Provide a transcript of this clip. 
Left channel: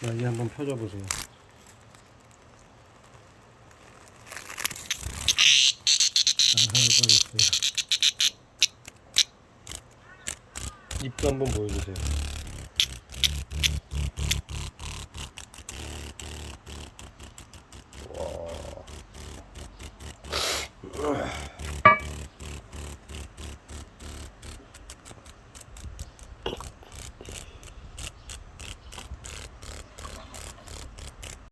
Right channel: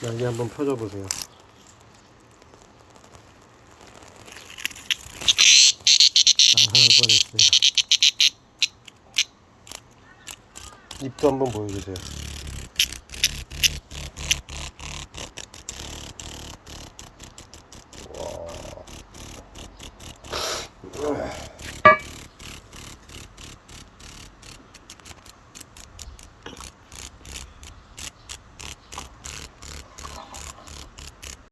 날개 한번 펴줘 보세요. 나갈 뻔했어요. 입도 한번 보여주세요. 와.